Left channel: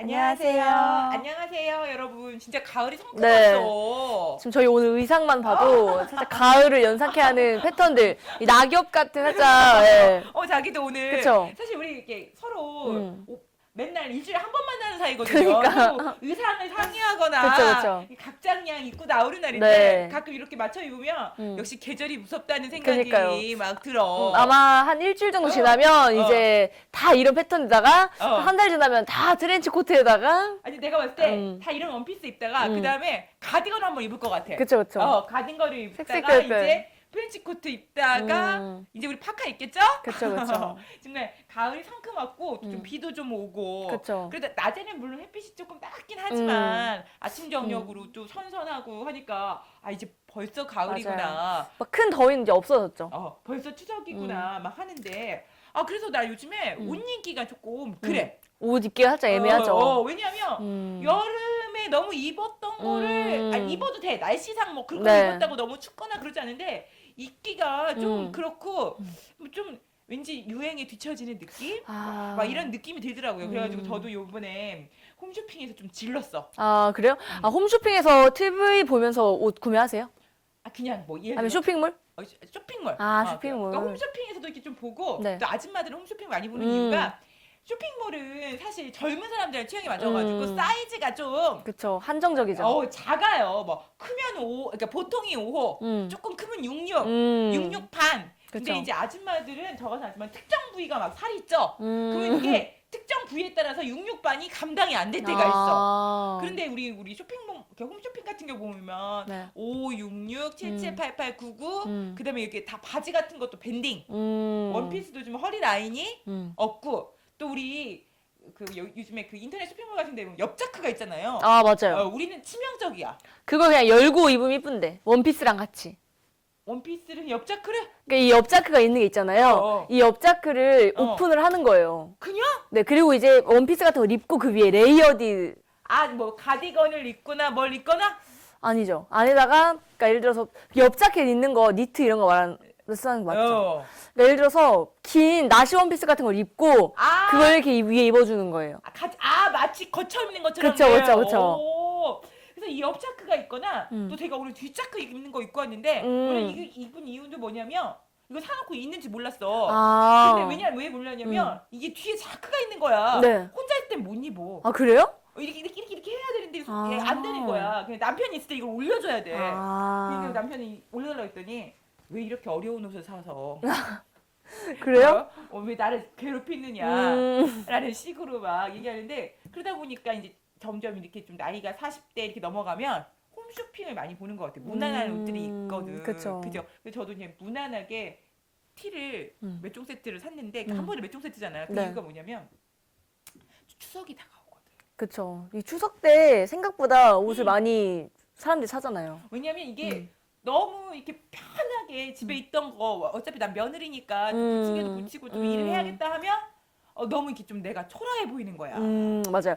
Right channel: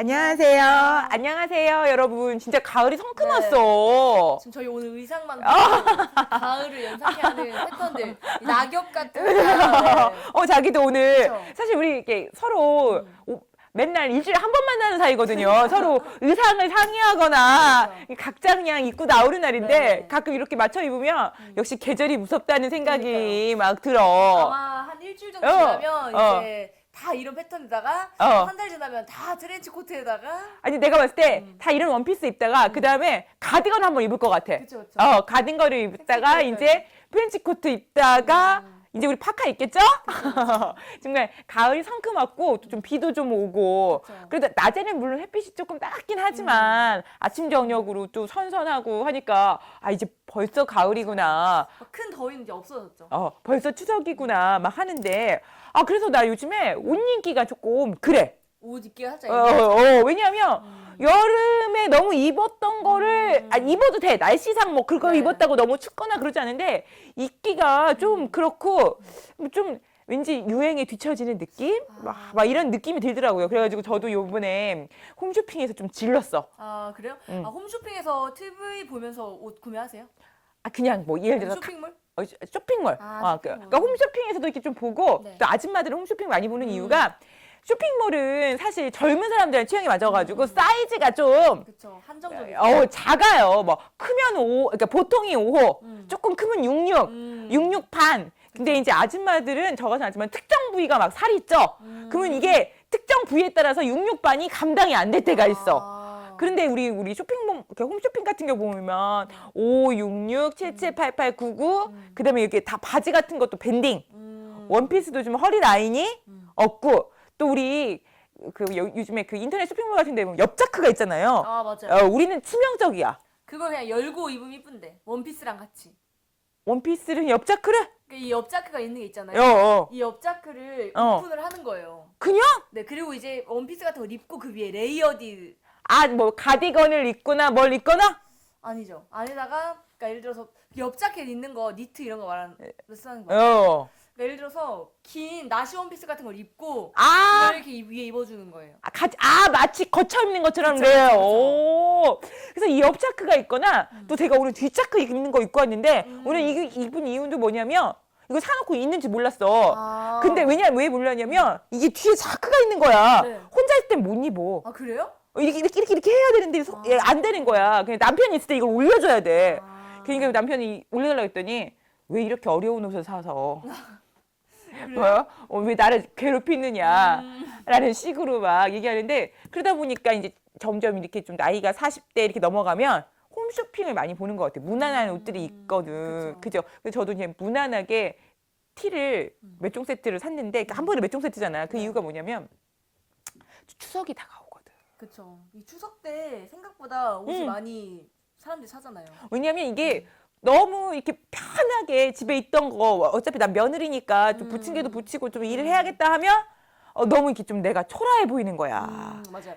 안녕하세요. 안녕하세요, 여러분. 진짜 가을이 성큼했어. 지금 저희 오늘 의상만 봐도 살짝 가을을 연상케 하는 패턴들. 이 낙엽 같은 의상. 네. 자기도 오늘 그쵸? 사실 우리 이렇게 서로 맨날 일주일에 한 번 만나는 사이거든요. 서로 의상을 상의하거나 그쵸. 각자 그냥 입고 나오는 날인데 네. 가끔 이렇게 맞춰 입으면 역시 계절이 무섭다는 생각이 그러니까요. 막 들어. 아마 한 일주일 정도 지나면 이제 다 이런 패턴에다가 한 달 지나면 다 트렌치 코트에다가 아니 내가 봤을 때 다 이런 원피스 입다가 그 다음에 가디건 한번 입을 것 같아. 그쵸. 가디건을 입다가 색색 이제 프렌치 코트 입다가 이제 우리 파카 입겠죠? 그쵸. 정말 가을이 성큼왔고 좀 비도 좀 오고 그쵸. 그래도 낮에는 물론 햇빛이 조금 따갑긴 하지만 아침 저녁으로 또 선선하고 하니까 이제 벌써 가을이구나. 막 큰 더위는 이제 없어졌죠. 벌써 추석이구나 막 하는데 그래서 나 요즘에 옷 입기가 조금 그래. 옷 입기가 살짝 애매하죠. 왜냐하면 여름에 너무 입었던 거를 입어도 돼. 날씨상 뭐 그걸 네. 입었다고 너무 춥거나 그러지 않은데 입기가 좀 그렇고 좀 왠지 유행에 뒤처지는 느낌? 막 이런 느낌이 들더라고요. 그래가지고 저도 요번에 홈쇼핑에서 좀 질렀어. 그래요? 홈쇼핑에서 TV 보면서 옷 구매하세요? 그냥 뭐 예를 아니면 들어서 쇼핑몰? 쇼핑몰. 쇼핑몰. 그러니까 홈쇼핑에서도 이렇게 좀 보고 네. 또 아줌마들은 홈쇼핑 많이 보는 이유가 쇼핑몰은 사실 젊은 사람들 취향이 맞아가지고 사이즈가 좀 그쵸. 한정적이죠. 작아요. 뭐 크면 5, 그러니까 보통이 5호, 조금 크면 66, 66 반. 근데 그쵸. 이제 아줌마들은 저 같은 아줌마는 특정 부위가 막 살이 쪄. 그러면 이게 특정 부위에 따라서 66반이 감당이 안 될 때가 있어. 그런데 우리 쇼핑몰, 홈쇼핑 같은 거 보면 네. 5, 66, 77, 88, 99, 그다음에 이렇게 다 바지 같은 것도 밴딩, 원피스도 좀 허리 라인이 없고, 또 우리 요즘에 그 인터넷 쇼핑몰 같은 데 보면 옆자크가 있잖아요. 맞아요. 우리는 치명적이야. 그거 그냥 열고 입으면 이쁜데. 원피스랑 같이. 원피스는 옆자크를 그러니까 이 옆자크가 있는 게 있잖아요. 이 옆자크를 오픈을 하는 거예요. 그냥 네, 그리고 이제 원피스 같은 걸 입고 그 위에 레이어드 뭐 가디건을 입거나 뭘 입거나 아니죠. 안에다가 그러니까 예를 들어서 옆자켓 있는 거 니트 이런 거 말하는 거 맞죠? 그러니까 예를 들어서 긴 나시 원피스 같은 걸 입고 그걸 이렇게 위에 입어주는 거예요. 마치 거쳐 입는 것처럼. 그쵸. 그래서 이 옆자크가 있거나 또 제가 오늘 뒷자크 입는 거 입고 왔는데 오늘 이거 입은 이유도 뭐냐면 이거 사놓고 있는지 몰랐어. 근데 왜 몰랐냐면 이게 뒤에 자크가 있는 거야. 네. 혼자 있을 땐 못 입어. 그래요? 이렇게 해야 되는데 안 되는 거야. 그냥 남편이 있을 때 이걸 올려줘야 돼. 그러니까 남편이 올려달라고 했더니 왜 이렇게 어려운 옷을 사서 그래요? 왜 나를 괴롭히느냐 라는 식으로 막 얘기하는데 그러다 보니까 이제 점점 이렇게 좀 나이가 40대 이렇게 넘어가면 홈쇼핑을 많이 보는 것 같아요. 무난한 옷들이 있거든. 그쵸. 그죠? 그래서 저도 이제 무난하게 티를 몇 종 세트를 샀는데 한 번에 몇 종 세트잖아. 그 네. 이유가 뭐냐면 추석이 다가오거든. 그쵸. 이 추석 때 생각보다 옷을 많이 사람들이 사잖아요. 왜냐면 이게 너무 이렇게 편하게 집에 있던 거 어차피 난 며느리니까 좀 부침개도 부치고 좀 일을 해야겠다 하면 너무 이렇게 좀 내가 초라해 보이는 거야. 맞아요.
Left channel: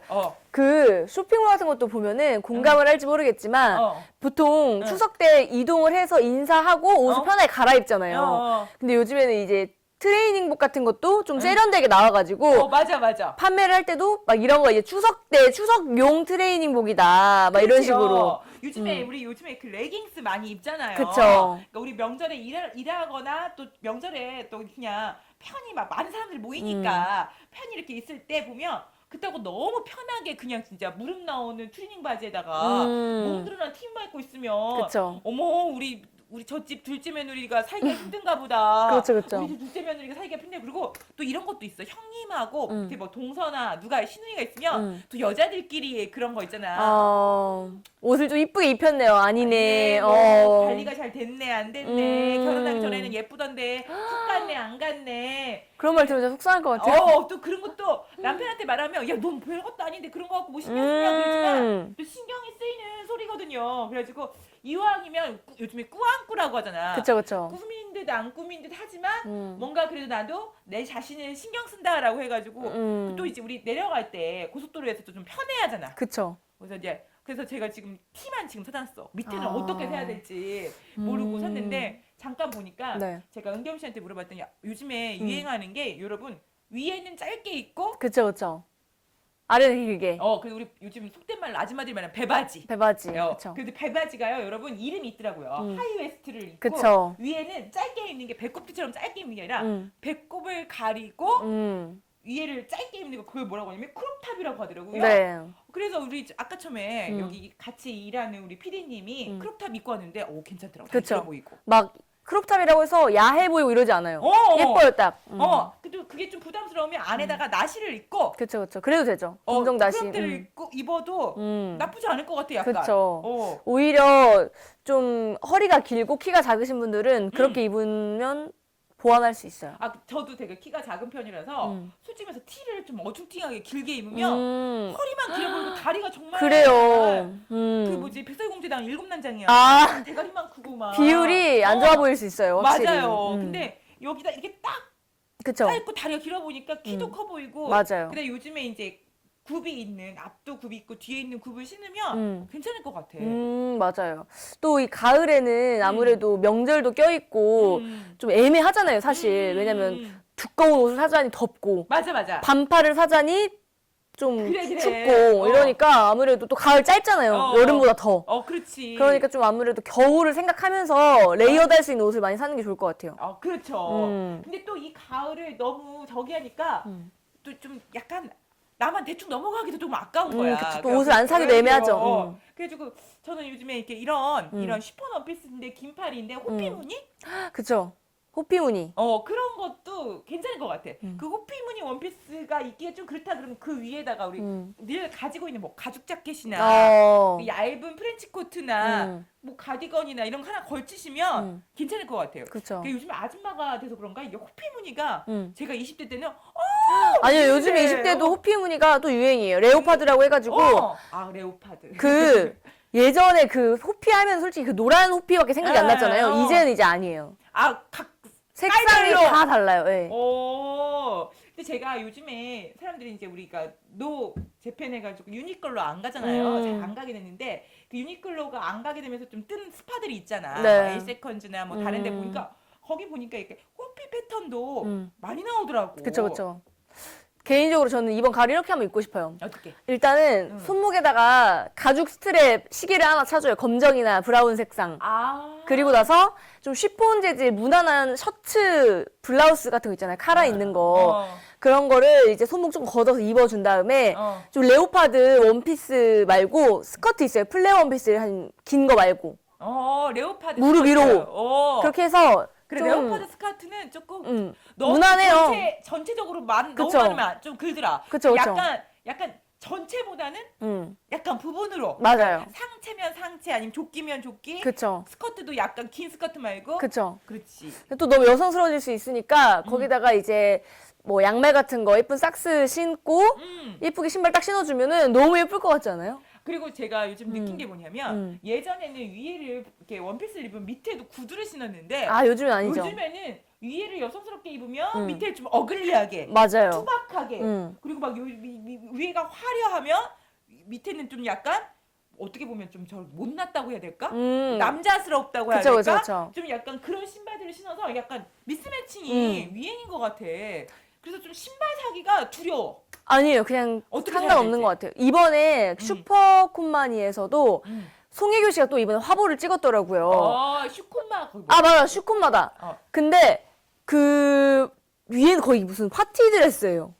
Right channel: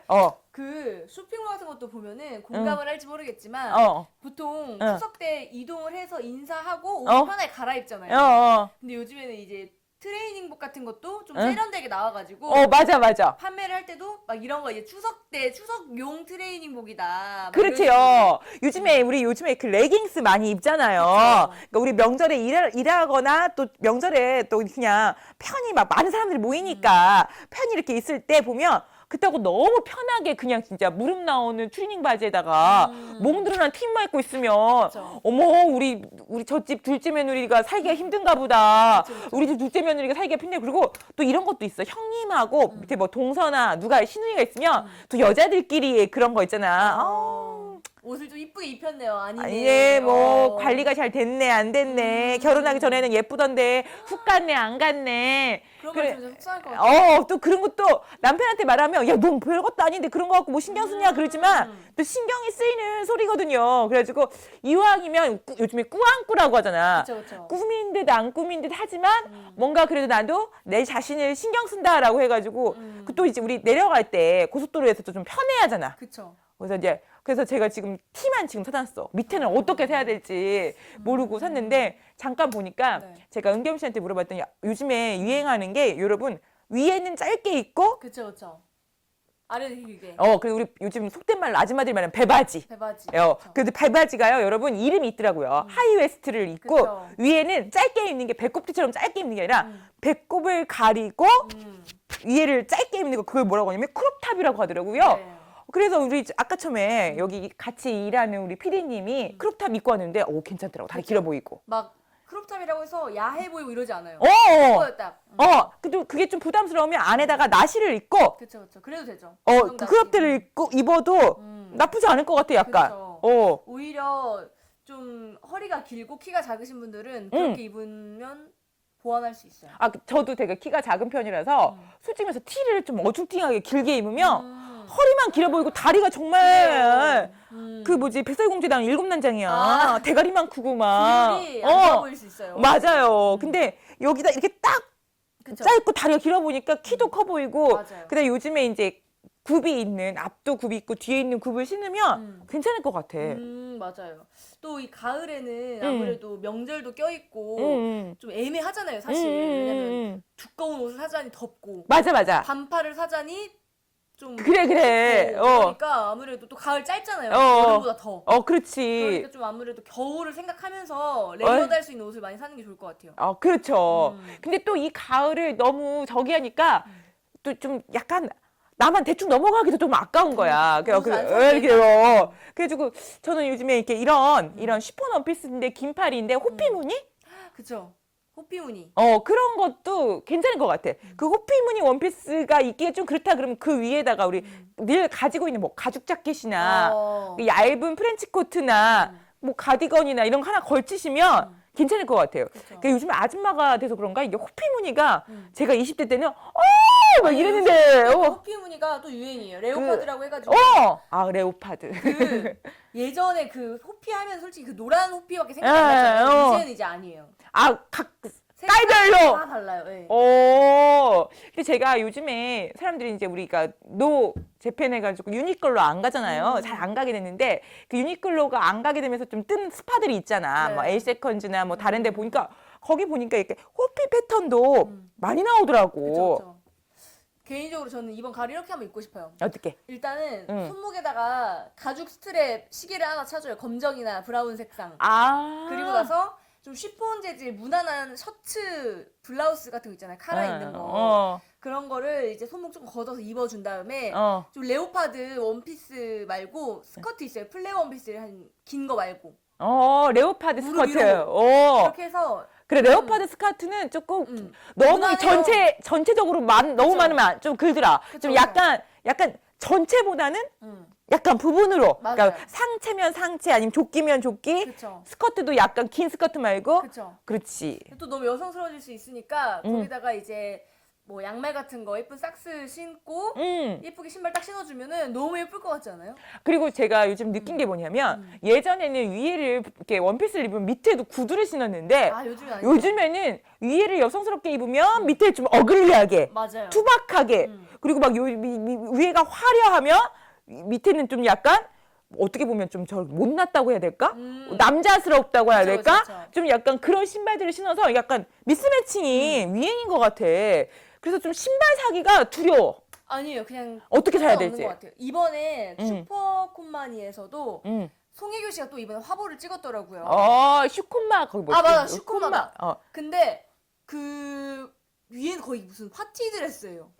그 쇼핑몰 같은 것도 보면은 공감을 할지 모르겠지만 보통 추석 때 이동을 해서 인사하고 옷을 편하게 갈아입잖아요. 근데 요즘에는 이제 트레이닝복 같은 것도 좀 세련되게 나와가지고 맞아. 판매를 할 때도 막 이런 거 이제 추석 때 추석용 트레이닝복이다 막 이런 식으로. 요즘에 그 레깅스 많이 입잖아요. 그쵸. 그러니까 우리 명절에 일하거나 또 명절에 또 그냥 편히 막 많은 사람들이 모이니까 편히 이렇게 있을 때 보면 그때하고 너무 편하게 그냥 진짜 무릎 나오는 트레이닝 바지에다가 몸 드러난 티만 입고 있으면 그쵸. 어머 우리 저 집 둘째 며느리가 살기가 힘든가 보다. 그쵸. 우리 집 둘째 며느리가 살기가 힘들고 그리고 또 이런 것도 있어. 형님하고 밑에 뭐 동서나 누가 시누이가 있으면 또 여자들끼리 그런 거 있잖아. 옷을 좀 이쁘게 입혔네요. 아니네. 뭐 관리가 잘 됐네 안 됐네. 결혼하기 전에는 예쁘던데 훅 갔네 안 갔네. 그런 말 들으면 속상할 것 같아요. 또 그런 것도 남편한테 말하면 야, 넌 별것도 아닌데 그런 거 갖고 뭐 신경 쓰냐 그러지만 또 신경이 쓰이는 소리거든요. 그래가지고 이왕이면 요즘에 꾸안꾸라고 하잖아. 그쵸. 꾸민 듯 안 꾸민 듯 하지만 뭔가 그래도 나도 내 자신을 신경 쓴다라고 해가지고 또 이제 우리 내려갈 때 고속도로에서 좀 편해야 하잖아. 그쵸. 그래서 제가 지금 티만 지금 사놨어. 밑에는 어떻게 사야 될지 모르고 샀는데 잠깐 보니까 네. 제가 은겸 씨한테 물어봤더니 요즘에 유행하는 게 여러분 위에는 짧게 입고 그쵸. 아래는 길게. 그리고 우리 요즘 속된 말로 아줌마들이 말하는 배바지. 배바지. 근데 배바지가요, 여러분 이름이 있더라고요. 하이웨스트를 입고 그쵸. 위에는 짧게 입는 게 배꼽티처럼 짧게 입는 게 아니라 배꼽을 가리고 위에를 짧게 입는 거 그걸 뭐라고 하냐면 크롭탑이라고 하더라고요. 네. 그래서 우리 아까 처음에 여기 같이 일하는 우리 PD님이 크롭탑 입고 왔는데 괜찮더라고. 다 그쵸. 길어 보이고. 막 크롭탑이라고 해서 야해 보이고 이러지 않아요. 어. 예뻐요 딱. 근데 그게 좀 부담스러우면 안에다가 나시를 입고 그쵸. 그래도 되죠. 크롭탑을 입고 입어도 나쁘지 않을 것 같아, 약간. 그쵸. 오히려 좀 허리가 길고 키가 작으신 분들은 그렇게 입으면 보완할 수 있어요. 저도 되게 키가 작은 편이라서 솔직히 말해서 티를 좀 어중팅하게 길게 입으면 허리만 길어 보이고 다리가 정말 그래요. 그 뭐지 백설공주당 일곱 난장이야. 대가리만 크고 막 비율이 안 좋아 보일 수 있어요. 확실히. 맞아요. 근데 여기다 이렇게 딱 그쵸. 짧고 다리가 길어 보니까 키도 커 보이고. 맞아요. 근데 요즘에 이제 굽이 있는 앞도 굽이 있고 뒤에 있는 굽을 신으면 괜찮을 것 같아. 맞아요. 또 이 가을에는 아무래도 명절도 껴있고 좀 애매하잖아요, 사실. 왜냐면 두꺼운 옷을 사자니 덥고 맞아. 반팔을 사자니 좀 그래. 춥고 이러니까 아무래도 또 가을 짧잖아요. 여름보다 더. 그렇지. 그러니까 좀 아무래도 겨울을 생각하면서 레이어드 할 수 있는 옷을 많이 사는 게 좋을 것 같아요. 그렇죠. 근데 또 이 가을을 너무 저기 하니까 또 좀 약간 나만 대충 넘어가기도 좀 아까운 거야. 또 옷을 안 사는 게 애매하죠. 그래가지고 저는 요즘에 이렇게 이런 쉬폰 원피스인데 긴팔인데 호피무늬? 그쵸. 호피무늬. 그런 것도 괜찮은 것 같아. 그 호피무늬 원피스가 입기에 좀 그렇다 그러면 그 위에다가 우리 늘 가지고 있는 뭐 가죽 자켓이나 그 얇은 프렌치 코트나 뭐 가디건이나 이런 거 하나 걸치시면 괜찮을 것 같아요. 그쵸. 그러니까 요즘에 아줌마가 돼서 그런가 이게 호피무늬가 제가 20대 때는 아니 요즘 20대도 호피무늬가 또 유행이에요. 레오파드라고 해가지고 레오파드. 그 예전에 그 호피 하면 솔직히 그 노란 호피밖에 생각이 안 났잖아요. 이제는 이제 아니에요. 각 색깔이 다 달라요. 네. 근데 제가 요즘에 사람들이 이제 우리가 노 재팬 해가지고 유니클로 안 가잖아요. 잘 안 가게 됐는데 그 유니클로가 안 가게 되면서 좀 뜬 스파들이 있잖아. 네. 뭐 엘세컨즈나 뭐 다른 데 보니까 거기 보니까 이렇게 호피 패턴도 많이 나오더라고. 그쵸. 개인적으로 저는 이번 가을 이렇게 한번 입고 싶어요. 어떻게? 일단은 손목에다가 가죽 스트랩 시계를 하나 차줘요. 검정이나 브라운 색상. 그리고 나서 좀 쉬폰 재질 무난한 셔츠 블라우스 같은 거 있잖아요. 카라 있는 거. 그런 거를 이제 손목 좀 걷어서 입어준 다음에 좀 레오파드 원피스 말고 스커트 있어요. 플레어 원피스 한 긴 거 말고. 레오파드 무릎 스커트. 위로. 그렇게 해서 그래 레오파드 스커트는 조금 너무 무난해요. 전체적으로 너무 그쵸. 많으면 좀 그러더라. 그쵸. 약간 전체보다는 약간 부분으로. 맞아요. 그러니까 상체면 상체 아니면 조끼면 조끼. 그쵸. 스커트도 약간 긴 스커트 말고. 그쵸. 그렇지. 또 너무 여성스러워질 수 있으니까 거기다가 이제 뭐 양말 같은 거 예쁜 삭스 신고 예쁘게 신발 딱 신어주면은 너무 예쁠 것 같지 않아요? 그리고 제가 요즘 느낀 게 뭐냐면 예전에는 위에를 이렇게 원피스를 입으면 밑에도 구두를 신었는데 요즘은 아니죠. 요즘에는 위에를 여성스럽게 입으면 밑에 좀 어글리하게 맞아요. 투박하게 그리고 막 위에가 화려하면 밑에는 좀 약간 어떻게 보면 좀 저 못났다고 해야 될까? 남자스럽다고 해야 될까? 그쵸. 좀 약간 그런 신발들을 신어서 약간 미스매칭이 유행인 것 같아. 그래서 좀 신발 사기가 두려워. 아니에요. 그냥 어떻게 사야 상관없는 될지. 것 같아요. 이번에 슈퍼콤마니에서도 송혜교 씨가 또 이번에 화보를 찍었더라고요. 슈콤마 거기 맞아요. 슈콤마다. 근데 그 위에는 거의 무슨 파티 드레스예요.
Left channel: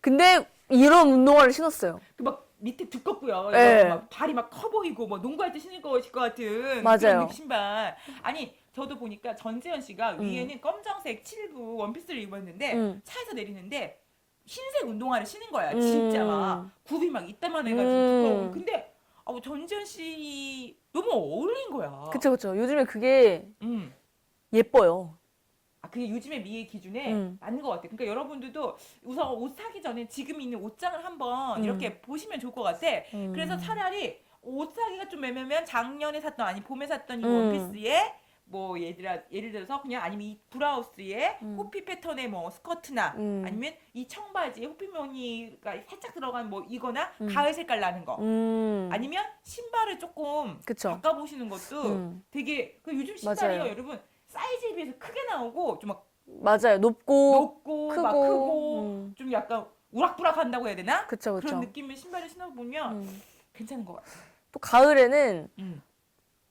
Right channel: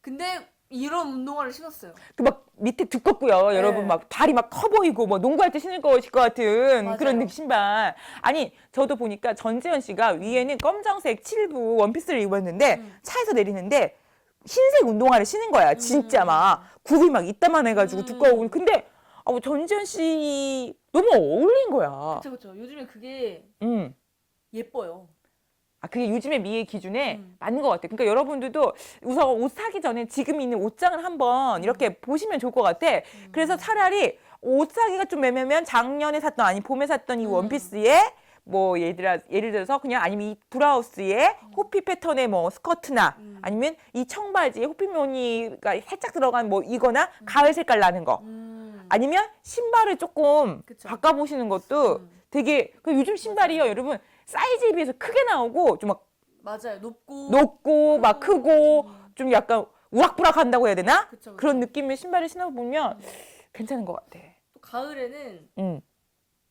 근데 이런 운동화를 신었어요. 그 막 밑에 두껍고요. 네. 여러분 막 발이 막 커 보이고 뭐 농구할 때 신을 것일 것 같은 맞아요. 그런 신발. 아니 저도 보니까 전지현 씨가 위에는 검정색 7부 원피스를 입었는데 차에서 내리는데 흰색 운동화를 신은 거야. 진짜 막 굽이 막 이따만 해가지고 두꺼운. 근데 전지현 씨 너무 어울린 거야. 그쵸. 요즘에 그게 예뻐요. 그게 요즘의 미의 기준에 맞는 것 같아. 그러니까 여러분들도 우선 옷 사기 전에 지금 있는 옷장을 한번 이렇게 보시면 좋을 것 같아. 그래서 차라리 옷 사기가 좀 애매하면 작년에 샀던 아니 봄에 샀던 이 원피스에 뭐 예를 들어서 그냥 아니면 이 브라우스에 호피 패턴의 뭐 스커트나 아니면 이 청바지에 호피 무늬가 살짝 들어간 뭐 이거나 가을 색깔 나는 거 아니면 신발을 조금 그쵸. 바꿔보시는 것도 되게 요즘 신발이요 맞아요. 여러분 사이즈에 비해서 크게 나오고 좀 막 맞아요. 높고 높고 막 크고 크고. 좀 약간 우락부락 한다고 해야 되나? 그쵸, 그쵸. 그런 느낌의 신발을 신어보면 괜찮은 것 같아. 또 가을에는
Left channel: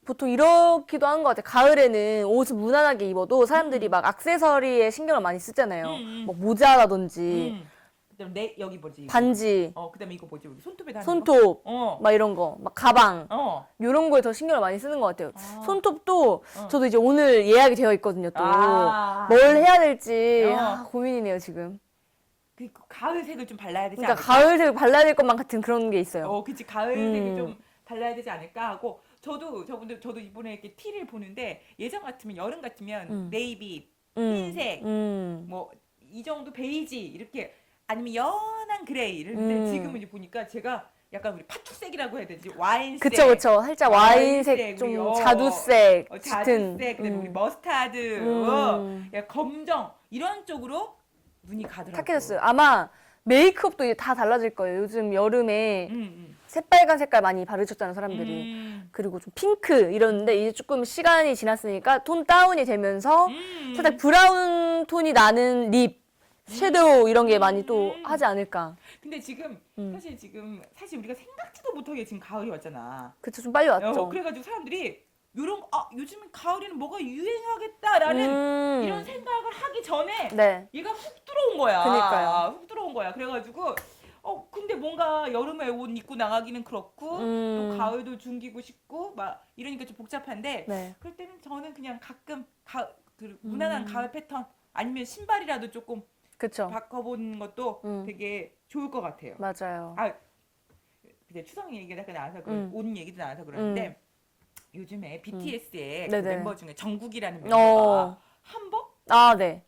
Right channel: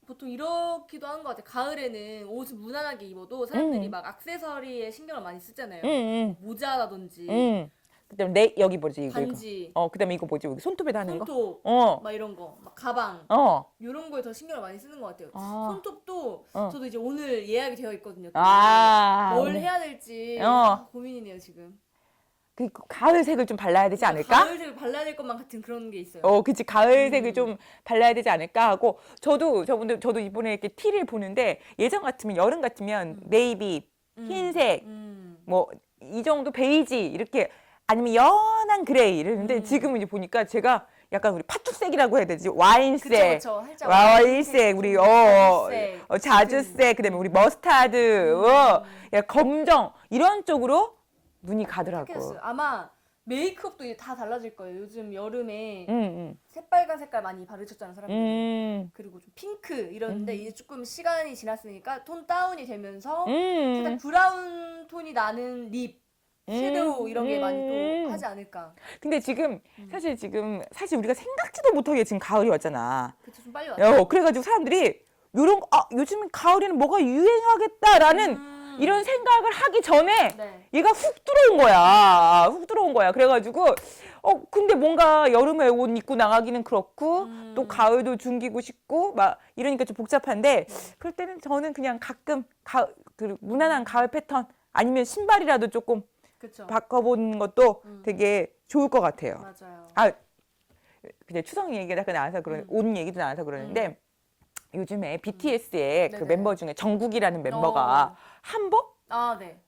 보통 이렇기도 한 것 같아요. 가을에는 옷을 무난하게 입어도 사람들이 막 액세서리에 신경을 많이 쓰잖아요. 뭐 모자라든지 그다음에 여기 뭐지? 반지, 그다음에 이거 뭐지? 여기 손톱에 다는 손톱, 거? 막 이런 거, 막 가방 이런 거에 더 신경을 많이 쓰는 것 같아요. 손톱도 저도 이제 오늘 예약이 되어 있거든요. 또 뭘 해야 될지 고민이네요 지금. 그 가을색을 좀 발라야 되지 그러니까 않을까? 가을색 발라야 될 것만 같은 그런 게 있어요. 그치. 가을색을 좀 발라야 되지 않을까 하고, 저도 이번에 이렇게 티를 보는데, 예전 같으면, 여름 같으면, 네이비, 흰색, 뭐, 이 정도 베이지, 이렇게, 아니면 연한 그레이, 이랬는데, 지금은 이제 보니까 제가 약간 우리 팥죽색이라고 해야 되지? 와인색. 그쵸. 살짝 와인색, 우리, 자주색. 자주색, 그 다음에 우리 머스타드, 검정, 이런 쪽으로 눈이 가더라고요. 탁해졌어요. 아마 메이크업도 이제 다 달라질 거예요. 요즘 여름에 새빨간 색깔 많이 바르셨잖아요, 사람들이. 그리고 좀 핑크 이러는데 이제 조금 시간이 지났으니까 톤 다운이 되면서 살짝 브라운 톤이 나는 립, 섀도우 이런 게 많이 또 하지 않을까. 근데 지금 사실 우리가 생각지도 못하게 지금 가을이 왔잖아. 그쵸, 좀 빨리 왔죠. 그래가지고 사람들이 요런 요즘 가을에는 뭐가 유행하겠다라는 이런 생각을 하기 전에 얘가 훅 들어온 거야. 그러니까요. 훅 들어온 거야. 그래가지고 근데 뭔가 여름에 옷 입고 나가기는 그렇고 또 가을도 중기고 싶고 막 이러니까 좀 복잡한데 그럴 때는 저는 그냥 가끔 그 무난한 가을 패턴 아니면 신발이라도 조금 그쵸. 바꿔보는 것도 되게 좋을 것 같아요. 맞아요. 근데 추석 얘기가 나와서 옷 얘기도 나와서 그러는데 요즘에 BTS의 그 멤버 중에 정국이라는 멤버가 한복? 네.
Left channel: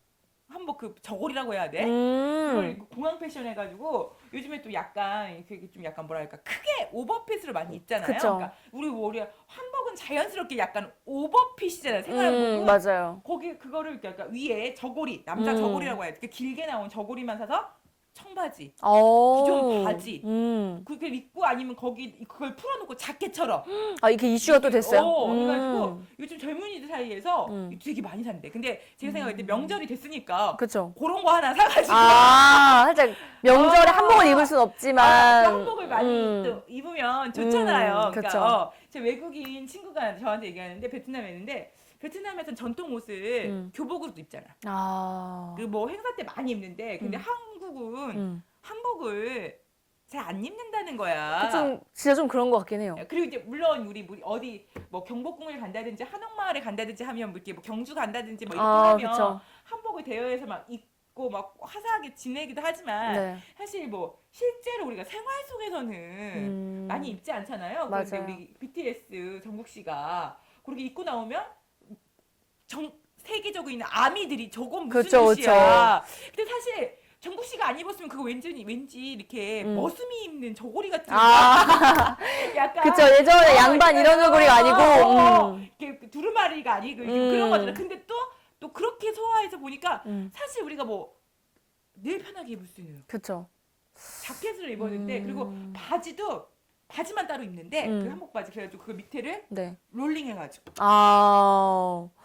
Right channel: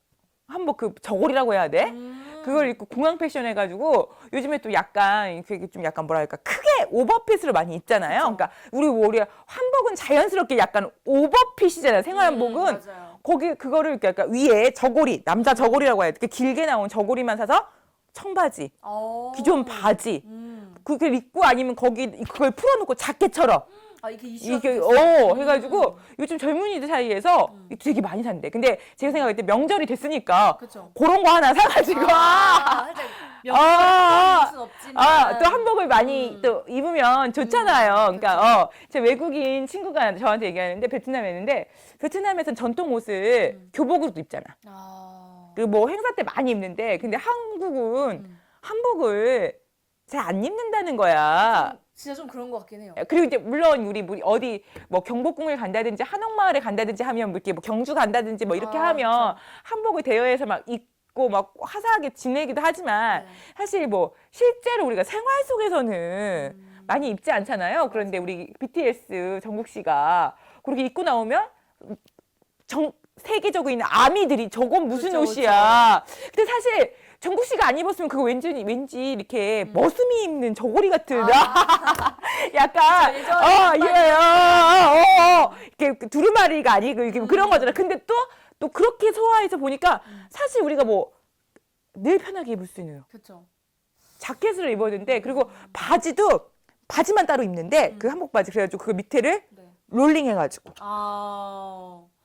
한복 그 저고리라고 해야 돼? 그걸 입고 공항 패션 해가지고 요즘에 또 약간 그게 좀 약간 뭐랄까 크게 오버핏으로 많이 입잖아요. 그쵸. 그러니까 우리 한복은 자연스럽게 약간 오버핏이잖아요. 생활 한복은 맞아요. 거기 그거를 이렇게 약간 위에 저고리 남자 저고리라고 해야 돼. 이렇게 길게 나온 저고리만 사서 청바지, 기존 바지, 그걸 입고 아니면 그걸 풀어놓고 자켓처럼. 이게 이슈가 또 됐어요. 해가지고 요즘 젊은이들 사이에서 되게 많이 산대. 근데 제가 생각할 때 명절이 됐으니까 그쵸. 그런 거 하나 사가지고 살짝 명절에 한복을 입을 순 없지만 또 한복을 많이 또 입으면 좋잖아요. 그러니까 제 외국인 친구가 저한테 얘기하는데 베트남에 있는데 베트남에서는 전통 옷을 교복으로도 입잖아. 그 뭐 행사 때 많이 입는데 근데 한국은 한복을 잘 안 입는다는 거야. 진짜 좀 그런 것 같긴 해요. 그리고 이제 물론 우리 어디 뭐 경복궁을 간다든지 한옥마을에 간다든지 하면 뭐 이렇게 뭐 경주 간다든지 뭐 이렇게 하면 그쵸. 한복을 대여해서 막 입고 막 화사하게 지내기도 하지만 사실 뭐 실제로 우리가 생활 속에서는 많이 입지 않잖아요. 그런데 맞아요. 우리 BTS 정국 씨가 그렇게 입고 나오면 세계적으로 있는 아미들이 저건 무슨 그쵸, 옷이야. 근데 사실 정국 씨가 안 입었으면 그거 왠지 이렇게 머슴이 입는 저고리 같은 약간 그쵸, 예전에 양반 이런 저고리가 아니고 이렇게 두루마리가 아니고 이렇게 그런 거잖아. 근데 또 그렇게 소화해서 보니까 사실 우리가 뭐 늘 편하게 입을 수 있는 그쵸. 자켓을 입었는데 그리고 바지만 따로 입는데 그 한복 바지 그래가지고 그 밑에를 롤링 해가지고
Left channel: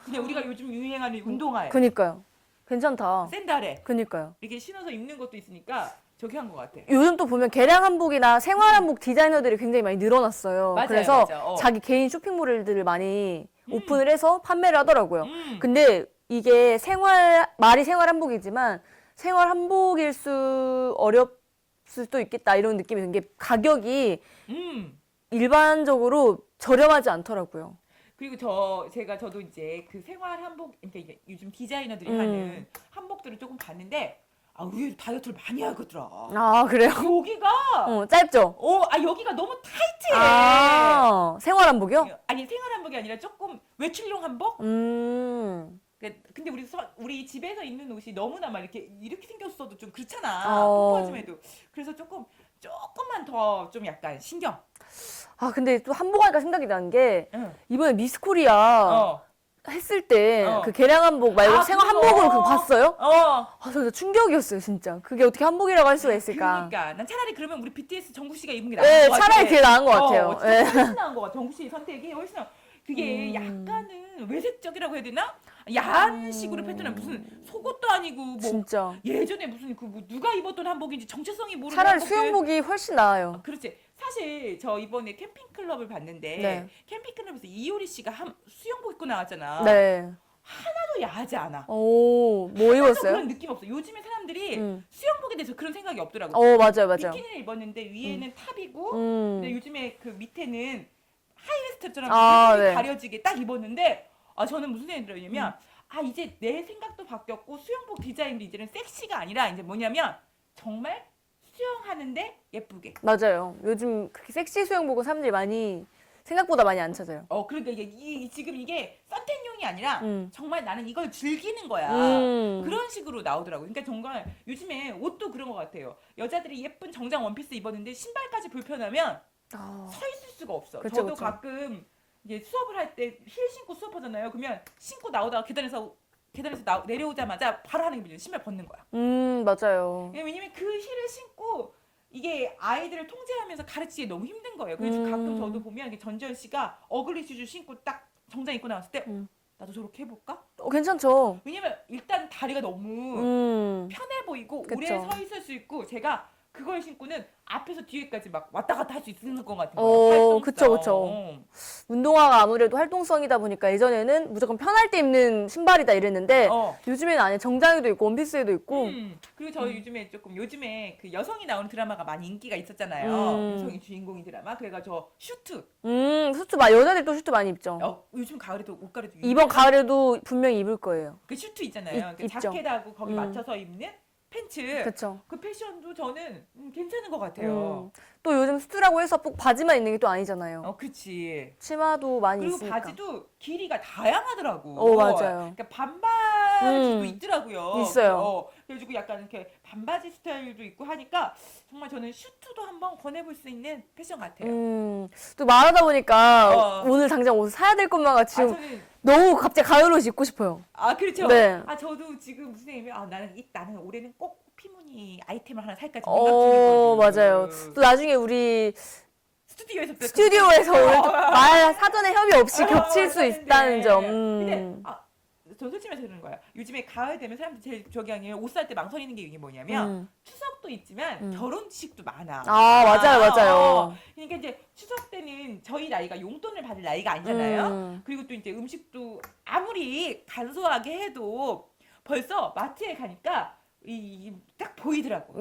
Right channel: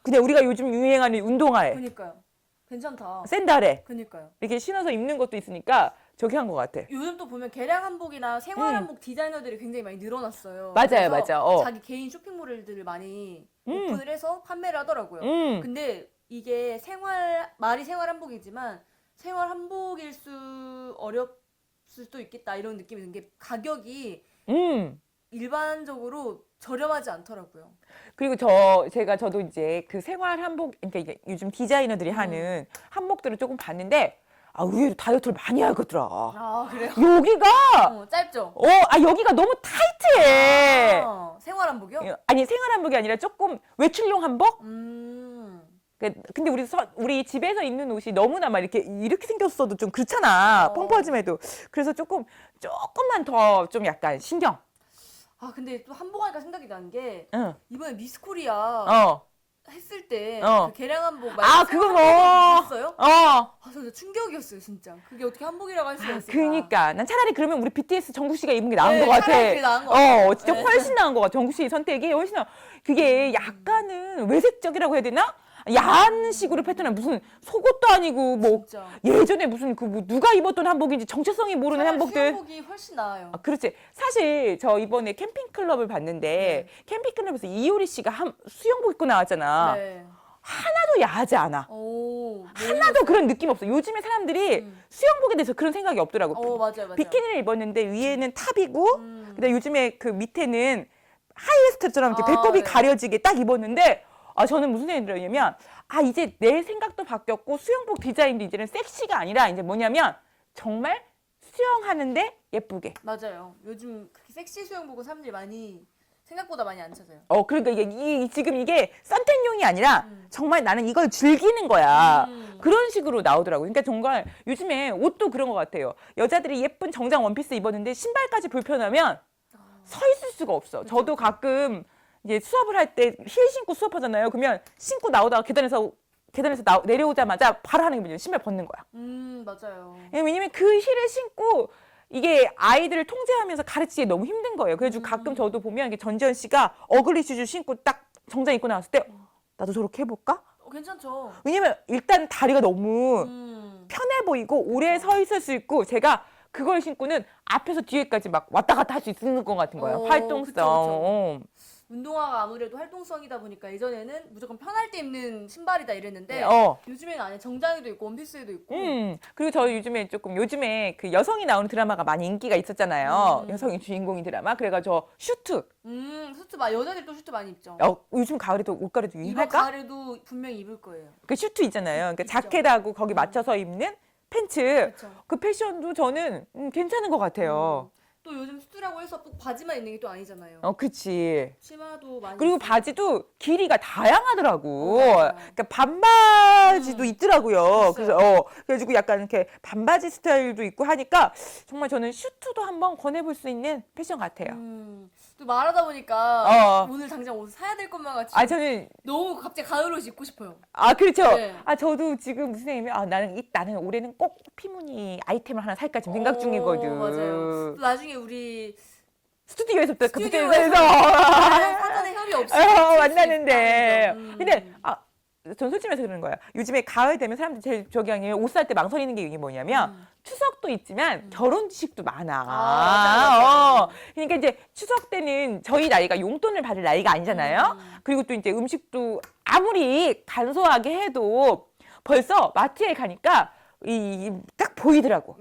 근데 우리가 요즘 유행하는 운동화에 그니까요. 괜찮다. 샌들에 그니까요. 이렇게 신어서 입는 것도 있으니까 저기 한 것 같아. 요즘 또 보면 개량 한복이나 생활 한복 디자이너들이 굉장히 많이 늘어났어요. 맞아요, 그래서 맞아. 자기 개인 쇼핑몰들을 많이 오픈을 해서 판매를 하더라고요. 근데 이게 말이 생활 한복이지만 생활 한복일 수 어렵을 수도 있겠다 이런 느낌이 든 게 가격이 일반적으로 저렴하지 않더라고요. 그리고 저도 이제 그 생활 한복, 그러니까 이게 요즘 디자이너들이 하는 한복들을 조금 봤는데, 의외로 다이어트를 많이 하거더라. 그래요? 여기가, 짧죠? 여기가 너무 타이트해. 생활 한복이요? 아니, 생활 한복이 아니라 조금 외출용 한복? 근데 우리 집에서 입는 옷이 너무나 막 이렇게 생겼어도 좀 그렇잖아. 펑퍼짐해도. 그래서 조금만 더 좀 약간 신경. 근데 또 한복 하니까 생각이 나는 게 이번에 미스 코리아 했을 때 그 개량 한복 말고 생활 한복을 봤어요? 저 충격이었어요, 진짜. 그게 어떻게 한복이라고 할 수가 있을까? 그러니까 난 차라리 그러면 우리 BTS 정국 씨가 입은 게 나은 것 같아. 차라리 그게 나은 것 같아요. 진짜 훨씬 나은 것 같아. 정국 씨 선택이 훨씬 그게 약간은 외색적이라고 해야 되나? 야한 식으로 패턴은 무슨 속옷도 아니고 뭐 진짜. 예전에 무슨 그 뭐 누가 입었던 한복인지 정체성이 모르는 차라리 한복들. 수영복이 훨씬 나아요. 그렇지. 사실 저 이번에 캠핑클럽을 봤는데 네. 캠핑클럽에서 이효리 씨가 수영복 입고 나왔잖아. 네. 하나도 야하지 않아. 오, 뭐 하나도 입었어요? 그런 느낌 없어. 요즘에 사람들이 수영복에 대해서 그런 생각이 없더라고. 맞아요, 맞아요. 비키니를 입었는데 위에는 탑이고 근데 요즘에 그 밑에는 하이웨스트처럼 배꼽이 네. 가려지게 딱 입었는데 저는 무슨 생각이 들었냐면 이제 내 생각도 바뀌었고 수영복 디자인도 이제는 섹시가 아니라 이제 뭐냐면 정말 수영하는데 예쁘게. 맞아요. 요즘 그렇게 섹시 수영복은 사람들이 많이 생각보다 많이 안 찾아요. 그러니까 지금 이게 선택용이 아니라 정말 나는 이걸 즐기는 거야. 그런 식으로 나오더라고요. 그러니까 정말 요즘에 옷도 그런 것 같아요. 여자들이 예쁜 정장 원피스 입었는데 신발까지 불편하면 서 있을 수가 없어. 그쵸, 저도 그쵸. 가끔 이제 수업을 할 때 힐 신고 수업하잖아요. 그러면 신고 나오다가 계단에서 내려오자마자 바로 하는 게 뭐냐면 신발 벗는 거야. 맞아요. 왜냐면 그 힐을 신고 이게 아이들을 통제하면서 가르치기 너무 힘든 거예요. 그래서 가끔 저도 보면 이게 전지현 씨가 어글리 슈즈 신고 딱 정장 입고 나왔을 때 나도 저렇게 해볼까? 괜찮죠. 왜냐면 일단 다리가 너무 편해 보이고 오래 서 있을 수 있고 제가 그걸 신고는 앞에서 뒤에까지 막 왔다 갔다 할 수 있는 것 같은 거예요. 활동성. 그쵸. 운동화가 아무래도 활동성이다 보니까 예전에는 무조건 편할 때 입는 신발이다 이랬는데 요즘에는 안에 정장에도 있고 원피스에도 있고 그리고 저 요즘에 그 여성이 나오는 드라마가 많이 인기가 있었잖아요. 여성이 주인공인 드라마. 그래가지고 슈트. 슈트 여자들이 또 슈트 많이 입죠. 요즘 가을에도 옷가리도 이번 가을에도 분명히 입을 거예요. 그 슈트 있잖아요. 그러니까 있죠. 자켓하고 거기 맞춰서 입는 팬츠. 그쵸. 그 패션도 저는 괜찮은 것 같아요. 또 요즘 수트라고 해서 꼭 바지만 있는 게 또 아니잖아요. 그치. 치마도 많이 그리고 있으니까. 바지도 길이가 다양하더라고. 맞아요. 그러니까 반바지도 있더라고요. 있어요. 그래가지고 약간 이렇게 반바지 스타일도 있고 하니까 정말 저는 슈트도 한번 권해볼 수 있는 패션 같아요. 또 말하다 보니까 오늘 당장 옷 사야 될 것만 같이 저는 너무 갑자기 가을 옷 입고 싶어요. 그렇죠. 네. 저도 지금 무슨 생각이면 나는 올해는 꼭 피무늬 아이템을 하나 살까 지금 생각 중이거든요. 맞아요. 또 나중에 우리 스튜디오에서 사전에 협의 없이 겹칠 수 있다는 점. 근데 전 솔직히 말해서 그러는 거예요. 요즘에 가을 되면 사람들이 제일 저기 아니에요. 옷 살 때 망설이는 게 이게 뭐냐면 추석도 있지만 결혼식도 많아. 맞아요. 그러니까 이제 추석 때는 저희 나이가 용돈을 받을 나이가 아니잖아요. 그리고 또 이제 음식도 아무리 간소하게 해도 벌써 마트에 가니까 딱 보이더라고.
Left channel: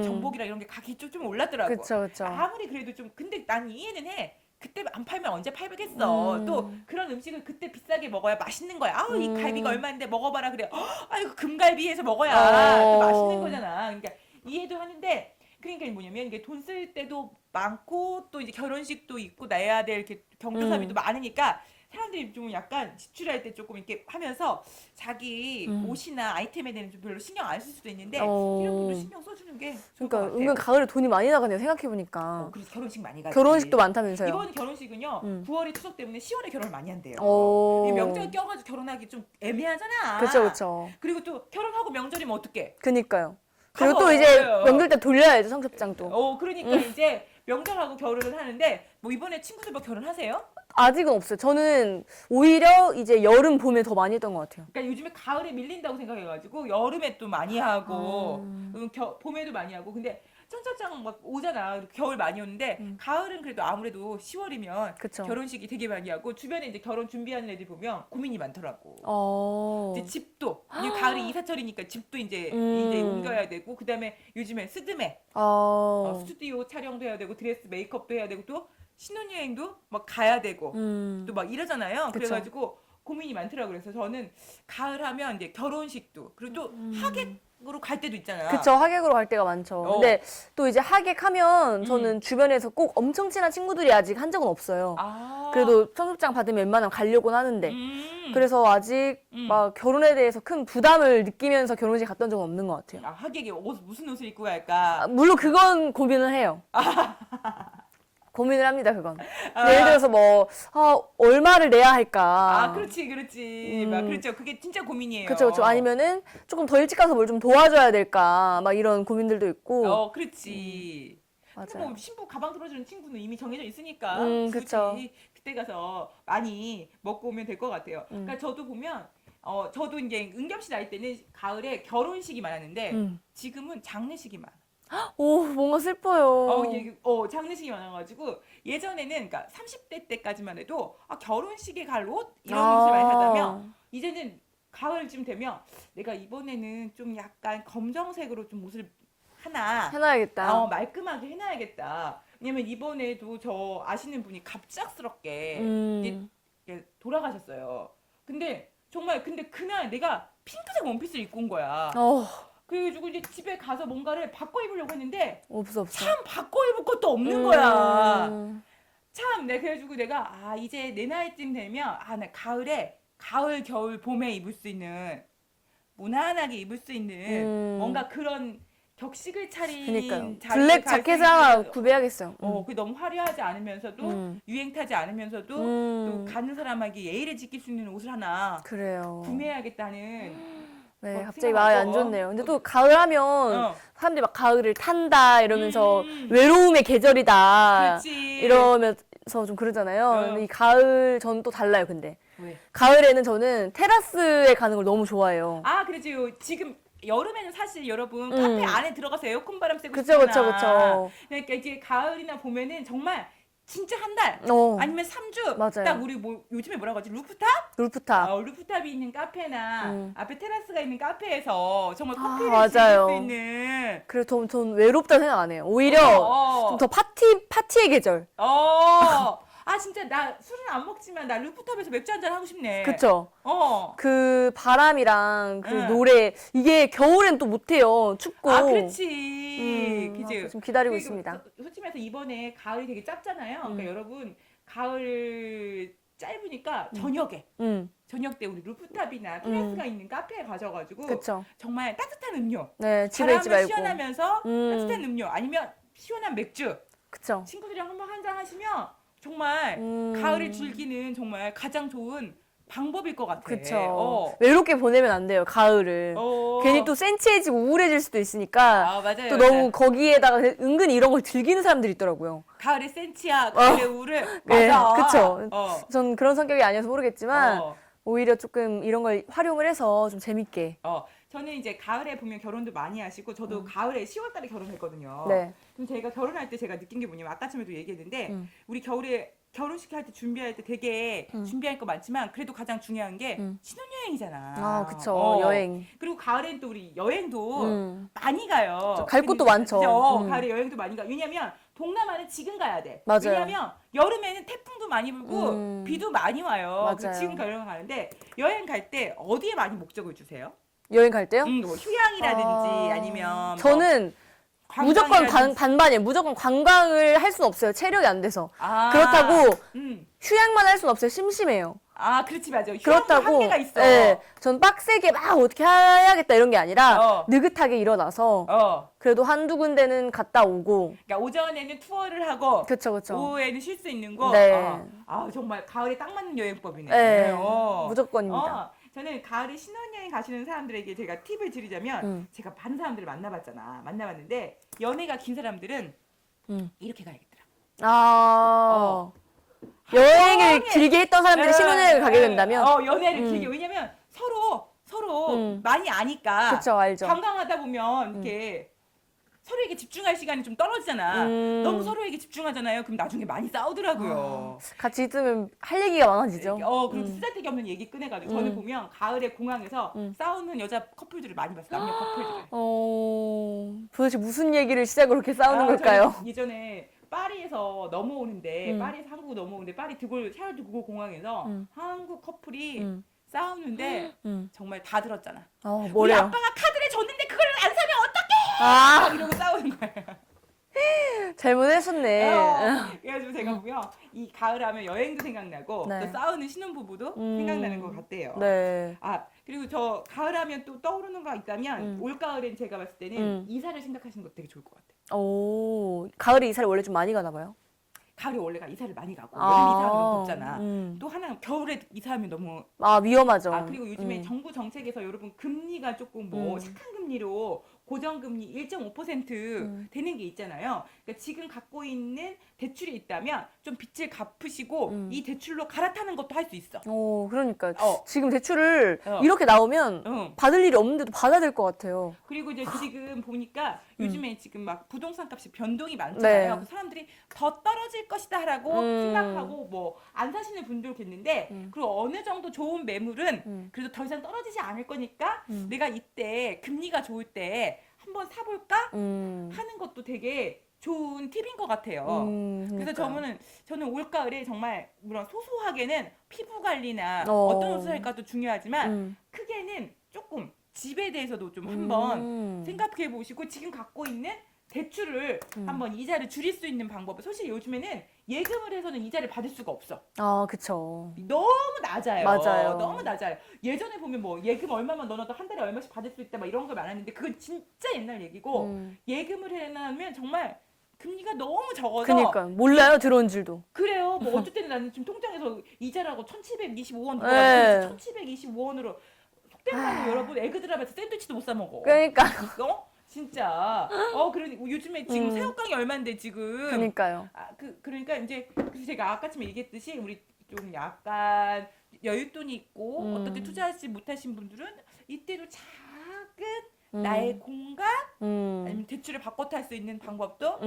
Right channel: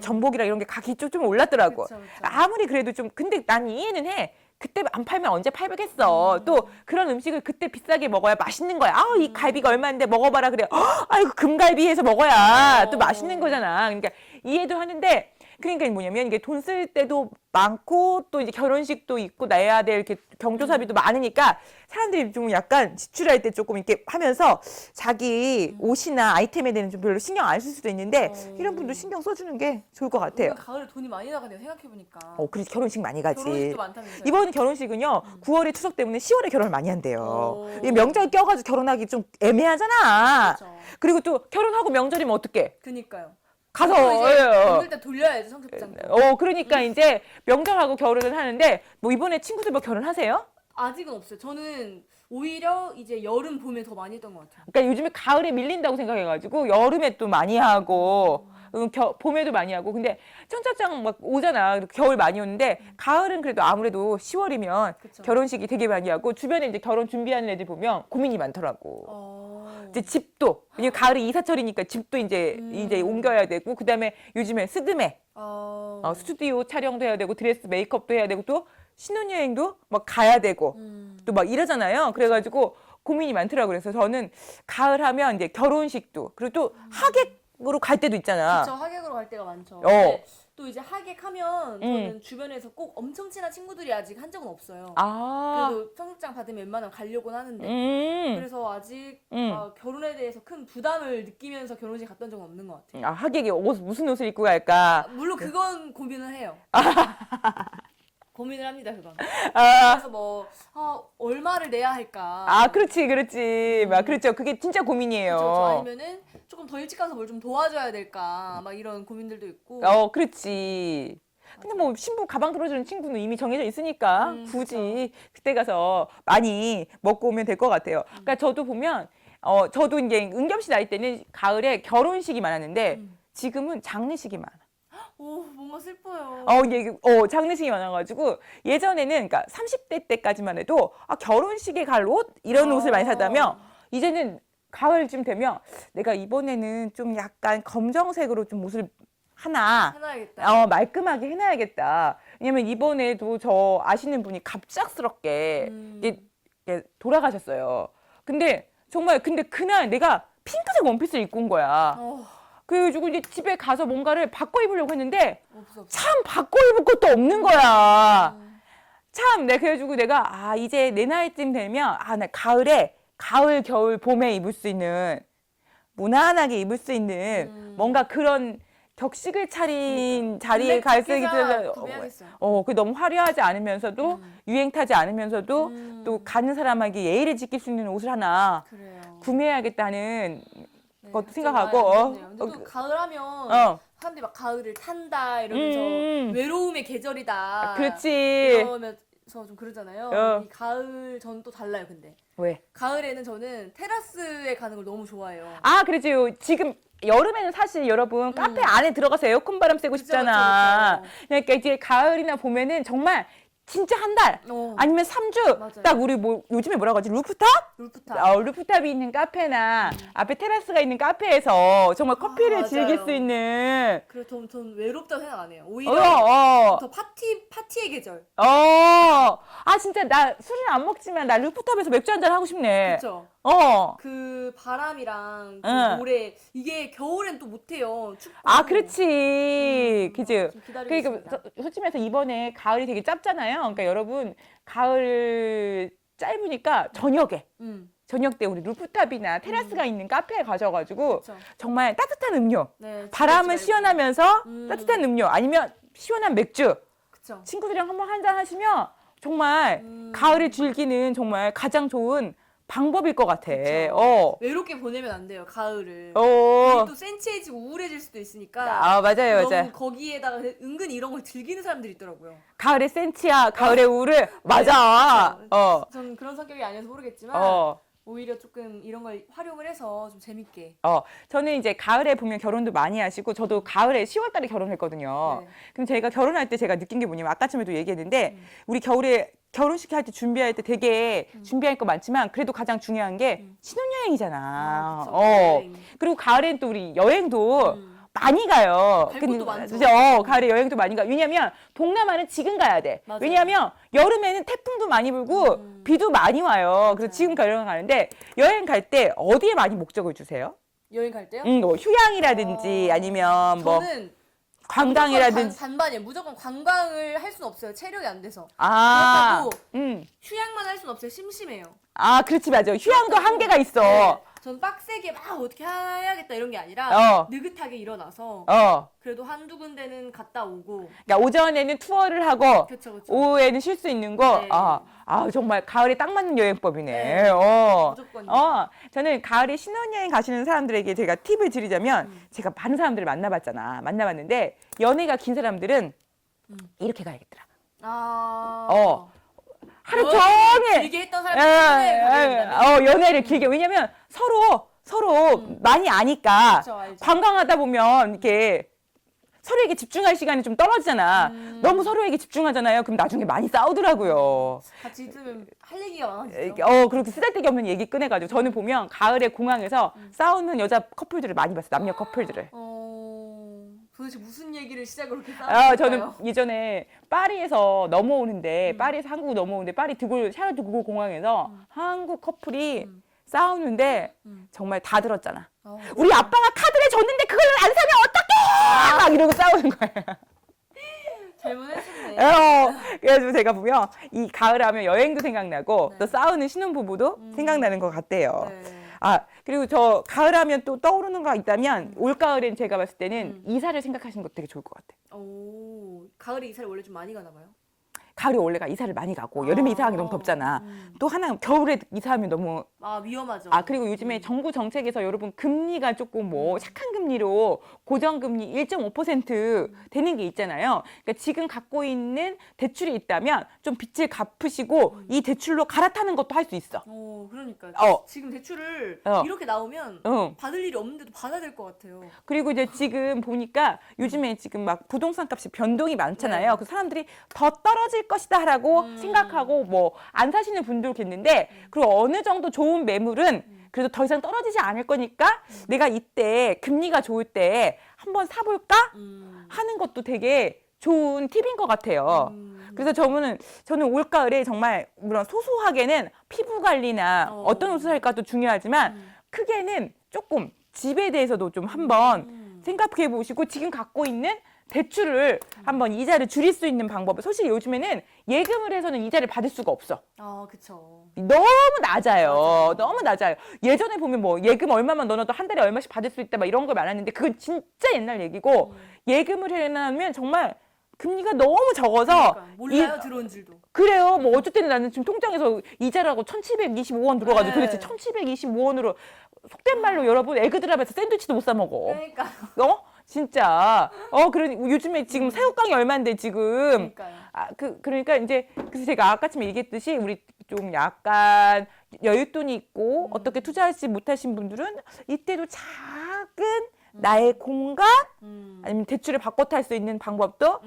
전복이랑 이런 게 가격이 좀 올랐더라고. 그쵸. 아무리 그래도 근데 난 이해는 해. 그때 안 팔면 언제 팔겠어. 또 그런 음식을 그때 비싸게 먹어야 맛있는 거야. 이 갈비가 얼마인데 먹어봐라 그래. 아이고 금갈비 해서 먹어야 또 맛있는 거잖아. 그러니까 이해도 하는데 그러니까 뭐냐면 이게 돈 쓸 때도 많고 또 이제 결혼식도 있고 내야 될 이렇게 경조사비도 많으니까 사람들이 좀 약간 지출할 때 조금 이렇게 하면서 자기 옷이나 아이템에 대해서 좀 별로 신경 안 쓸 수도 있는데 이런 분도 신경 써주는 게 좋을 것 같아요. 오늘 가을에 돈이 많이 나가네요. 생각해보니까. 그래서 결혼식 많이 가지. 결혼식도 많다면서요. 이번 결혼식은요. 9월에 추석 때문에 10월에 결혼을 많이 한대요. 이 명절 껴가지고 결혼하기 좀 애매하잖아. 그렇죠. 그리고 또 결혼하고 명절이면 어떡해? 그니까요. 가서 또 이제 명절 때 돌려야죠, 청첩장 또. 그러니까 이제 명절하고 결혼을 하는데 뭐 이번에 친구들 뭐 결혼하세요? 아직은 없어요. 저는 오히려 이제 여름, 봄에 더 많이 했던 것 같아요. 그러니까 요즘에 가을에 밀린다고 생각해가지고 여름에 또 많이 하고 봄에도 많이 하고 근데 청첩장 막 오잖아. 겨울 많이 오는데 가을은 그래도 아무래도 10월이면 그쵸. 결혼식이 되게 많이 하고 주변에 이제 결혼 준비하는 애들 보면 고민이 많더라고. 이제 집도 이제 가을이 이사철이니까 집도 이제 옮겨야 되고 그다음에 요즘에 스드메 스튜디오 촬영도 해야 되고 드레스 메이크업도 해야 되고 또 신혼여행도 막 가야 되고 또 막 이러잖아요. 그래가지고 고민이 많더라고요. 그래서 저는 가을 하면 이제 결혼식도 그리고 또 하객으로 갈 때도 있잖아. 그쵸, 하객으로 갈 때가 많죠. 근데 또 이제 하객하면 저는 주변에서 꼭 엄청 친한 친구들이 아직 한 적은 없어요. 그래도 청첩장 받으면 웬만하면 가려고는 하는데. 그래서 아직 막 결혼에 대해서 큰 부담을 느끼면서 결혼식 갔던 적은 없는 것 같아요. 하객이 무슨 옷을 입고 갈까? 물론 그건 고민을 해요. 고민을 합니다, 그건. 예를 들어서 뭐, 얼마를 내야 할까. 그렇지. 막 그렇죠. 그게 진짜 고민이에요. 그렇죠. 아니면은 조금 더 일찍 가서 뭘 좀 도와줘야 될까. 막 이런 고민들도 있고. 그렇지. 근데 맞아요. 뭐 신부 가방 들어주는 친구는 이미 정해져 있으니까 굳이 그쵸. 그때 가서 많이 먹고 오면 될 것 같아요. 그러니까 저도 보면 저도 이제 은겸 씨 나이 때는 가을에 결혼식이 많았는데 지금은 장례식이 많아. 오, 뭔가 슬퍼요. 장례식이 많아가지고 예전에는 그러니까 30대 때까지만 해도 결혼식에 갈 옷 이런 옷을 많이 사다면 이제는 가을쯤 되면 내가 이번에는 좀 약간 검정색으로 좀 옷을 하나 해놔야겠다. 말끔하게 해놔야겠다. 왜냐면 이번에도 저 아시는 분이 갑작스럽게 이제 돌아가셨어요. 근데 정말 그날 내가 핑크색 원피스를 입고 온 거야. 그래가지고 이제 집에 가서 뭔가를 바꿔 입으려고 했는데 없어. 참 바꿔 입을 것도 없는 거야. 참, 그래가지고 내가 이제 내 나이쯤 되면 나 가을에 가을, 겨울, 봄에 입을 수 있는 무난하게 입을 수 있는 뭔가 그런 격식을 차린 자리에 갈 수 있는 구비하겠어. 그 너무 화려하지 않으면서도 유행 타지 않으면서도 또 가는 사람에게 예의를 지킬 수 있는 옷을 하나 그래요. 구매해야겠다는 네, 것 갑자기 마음이 안 생각하고 좋네요. 근데 또 가을 하면 사람들이 막 가을을 탄다 이러면서 외로움의 계절이다. 그렇지. 이러면서 좀 그러잖아요. 이 가을 저는 또 달라요. 근데 왜? 가을에는 저는 테라스에 가는 걸 너무 좋아해요. 그렇지. 지금 여름에는 사실 여러분 카페 안에 들어가서 에어컨 바람 쐬고 그쵸, 싶잖아. 그쵸. 그러니까 이제 가을이나 봄에는 정말 진짜 한 달 아니면 3주 맞아요. 딱 우리 요즘에 뭐라고 하지? 루프탑? 루프탑이 있는 카페나 앞에 테라스가 있는 카페에서 정말 커피를 즐길 수 있는. 그래서 전 외롭다 생각 안 해요. 오히려 더 파티의 계절. 진짜 나 술은 안 먹지만 나 루프탑에서 맥주 한잔 하고 싶네. 그쵸? 그 바람이랑 그 노래 이게 겨울엔 또 못해요. 춥고. 그렇지. 그치. 좀 기다리고 있습니다. 솔직히 말해서 이번에 가을이 되게 짧잖아요. 그러니까 여러분 가을 짧으니까 저녁 때 우리 루프탑이나 테라스가 있는 카페에 가셔가지고 그쵸. 정말 따뜻한 음료, 네, 바람을 시원하면서 따뜻한 음료 아니면 시원한 맥주, 그쵸. 친구들이랑 한번 한잔 하시면 정말 가을을 즐기는 정말 가장 좋은 방법일 것 같아. 그쵸. 외롭게 보내면 안 돼요, 가을을. 괜히 또 센치해지고 우울해질 수도 있으니까. 맞아요. 또 너무 거기에다가 은근히 이런 걸 즐기는 사람들이 있더라고요. 가을에 센치야, 가을에 우울해. 맞아. 그쵸. 전 그런 성격이 아니어서 모르겠지만 오히려 조금 이런 걸 활용을 해서 좀 재밌게. 저는 이제 가을에 보면 결혼도 많이 하시고 저도 가을에 10월 달에 결혼했거든요. 네. 그럼 제가 결혼할 때 제가 느낀 게 뭐냐면 아까쯤에도 얘기했는데 우리 겨울에 결혼식 할 때 준비할 때 되게 준비할 거 많지만 그래도 가장 중요한 게 신혼여행이잖아. 그쵸. 여행. 그리고 가을엔 또 우리 여행도 많이 가요. 갈 곳도 많죠. 가을에 여행도 많이 가. 왜냐면 동남아는 지금 가야 돼. 맞아요. 왜냐면 여름에는 태풍도 많이 불고 비도 많이 와요. 그래서 지금 여행 가는데 여행 갈 때 어디에 많이 목적을 주세요? 여행 갈 때요? 뭐 휴양이라든지 아니면 저는 관광이라든지. 무조건 반반이에요. 무조건 관광을 할 수는 없어요. 체력이 안 돼서. 그렇다고 휴양만 할 수는 없어요. 심심해요. 그렇지, 맞아. 휴양도 그렇다고, 한계가 있어. 네, 전 빡세게 막 어떻게 해야겠다 이런 게 아니라 느긋하게 일어나서 그래도 한두 군데는 갔다 오고. 그러니까 오전에는 투어를 하고 그쵸. 오후에는 쉴 수 있는 거. 네. 정말 가을에 딱 맞는 여행법이네. 네, 무조건입니다. 저는 가을에 신혼여행 가시는 사람들에게 제가 팁을 드리자면 제가 많은 사람들을 만나봤는데 연애가 긴 사람들은 이렇게 가야겠더라. 여행을 길게 했던 사람들이 신혼여행을 가게 된다면? 연애를 길게. 왜냐면 서로 많이 아니까. 그쵸, 알죠. 관광하다 보면 이렇게 서로에게 집중할 시간이 좀 떨어지잖아. 너무 서로에게 집중하잖아요. 그럼 나중에 많이 싸우더라고요. 같이 있으면 할 얘기가 많아지죠. 그렇게 쓰잘데기 없는 얘기 꺼내가지고 저는 보면 가을에 공항에서 싸우는 여자 커플들을 많이 봤어요. 남녀 커플들을. 도대체 무슨 얘기를 시작으로 그렇게 싸우는 걸까요? 저는 예전에 파리에서 넘어오는데 파리에서 한국 넘어오는데 파리 샤를 드고 공항에서 한국 커플이 싸우는데 정말 다 들었잖아. 우리 아빠가 카드를 줬는데 그걸 안 사면 어떡해! 막 이러고 싸우는 거예요. 잘못했었네. 그래가지고 제가 보면 이 가을 하면 여행도 생각나고 네. 또 싸우는 신혼부부도 생각나는 것 같대요. 네. 그리고 저 가을 하면 또 떠오르는 거 있다면 올가을엔 제가 봤을 때는 이사를 생각하시는 것도 되게 좋을 것 같아요. 가을에 이사를 원래 좀 많이 가나 봐요. 가을에 원래가 이사를 많이 가고 여름에 이사하기 너무 덥잖아. 또 하나 겨울에 이사하면 너무 위험하죠. 그리고 요즘에 정부 정책에서 여러분 금리가 조금 뭐 착한 금리로 고정금리 1.5% 되는 게 있잖아요. 그러니까 지금 갖고 있는 대출이 있다면 좀 빚을 갚으시고 이 대출로 갈아타는 것도 할 수 있어. 그러니까 지금 대출을 이렇게 나오면 받을 일이 없는데도 받아야 될 것 같아요. 그리고 이제 지금 보니까 요즘에 지금 막 부동산 값이 변동이 많잖아요. 네. 그 사람들이 더 떨어질 것이다라고 생각하고 뭐 안 사시는 분들도 있는데 그리고 어느 정도 좋은 매물은 그래도 더 이상 떨어지지 않을 거니까 내가 이때 금리가 좋을 때 한번 사볼까 하는 것도 되게 좋은 팁인 것 같아요. 그래서 저는 올가을에 정말 물론 소소하게는 피부 관리나 어떤 옷을 할까도 중요하지만 크게는 조금 집에 대해서도 좀 한번 생각해 보시고 지금 갖고 있는 대출을 한번 이자를 줄일 수 있는 방법을 사실 요즘에는 예금을 해서는 이자를 받을 수가 없어. 그쵸. 너무 낮아요. 맞아요. 너무 낮아요. 예전에 보면 뭐 예금 얼마만 넣어도 한 달에 얼마씩 받을 수 있다 막 이런 거 많았는데 그건 진짜 옛날 얘기고 예금을 해놓으면 정말 금리가 너무 적어서 그러니까 몰라요 들어온 줄도. 그래요. 뭐 어쩔 때는 나는 지금 통장에서 이자라고 1,725원 들어가지고 네. 그래서 1,725원으로 속된 말로 여러분 에그드랍에서 샌드위치도 못 사 먹어. 그러니까. 진짜. 그러니 요즘에 지금 새우깡이 얼마인데 지금. 그러니까요. 그러니까 이제 그래서 제가 아까쯤에 얘기했듯이 우리 좀 약간 여윳돈이 있고 어떻게 투자하지 못하신 분들은 이때도 작은 나의 공간 아니면 대출을 바꿔 탈 수 있는 방법도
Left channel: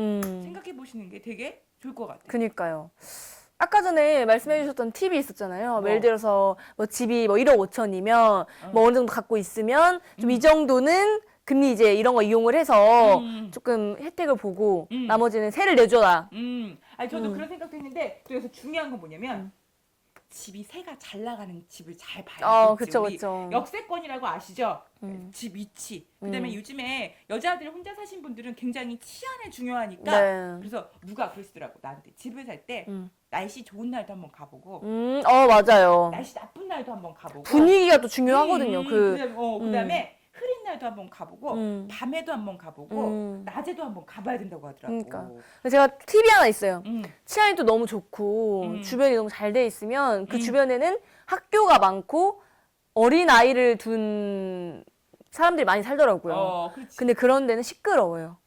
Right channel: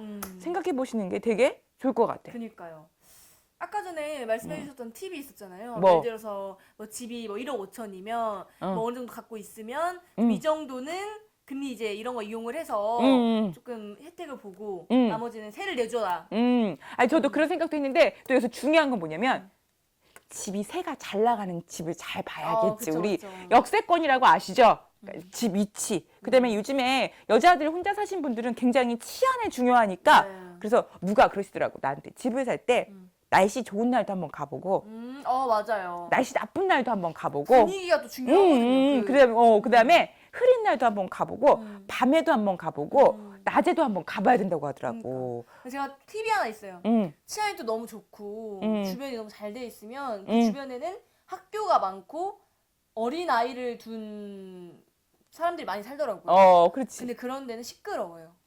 생각해 보시는 게 되게 좋을 것 같아요. 그니까요. 아까 전에 말씀해 주셨던 팁이 있었잖아요. 뭐? 예를 들어서 뭐 집이 뭐 1억 5천이면 뭐 어느 정도 갖고 있으면 좀 이 정도는 금리 이제 이런 거 이용을 해서 조금 혜택을 보고 나머지는 세를 내줘라. 아니 저도 그런 생각도 했는데 또 여기서 중요한 건 뭐냐면 집이 세가 잘 나가는 집을 잘 봐야겠지. 그쵸, 우리 그쵸. 역세권이라고 아시죠? 집 위치. 그다음에 요즘에 여자들 혼자 사신 분들은 굉장히 치안이 중요하니까 네. 그래서 누가 그러시더라고 나한테 집을 살 때 날씨 좋은 날도 한번 가보고 맞아요. 날씨 나쁜 날도 한번 가보고 분위기가 또 중요하거든요. 그다음에 흐린 날도 한번 가보고 밤에도 한번 가보고 낮에도 한번 가봐야 된다고 하더라고. 그러니까. 제가 팁이 하나 있어요. 음. 치안이 또 너무 좋고 주변이 너무 잘 돼 있으면 그 주변에는 학교가 많고 어린 아이를 둔 사람들이 많이 살더라고요. 그렇지. 근데 그런 데는 시끄러워요.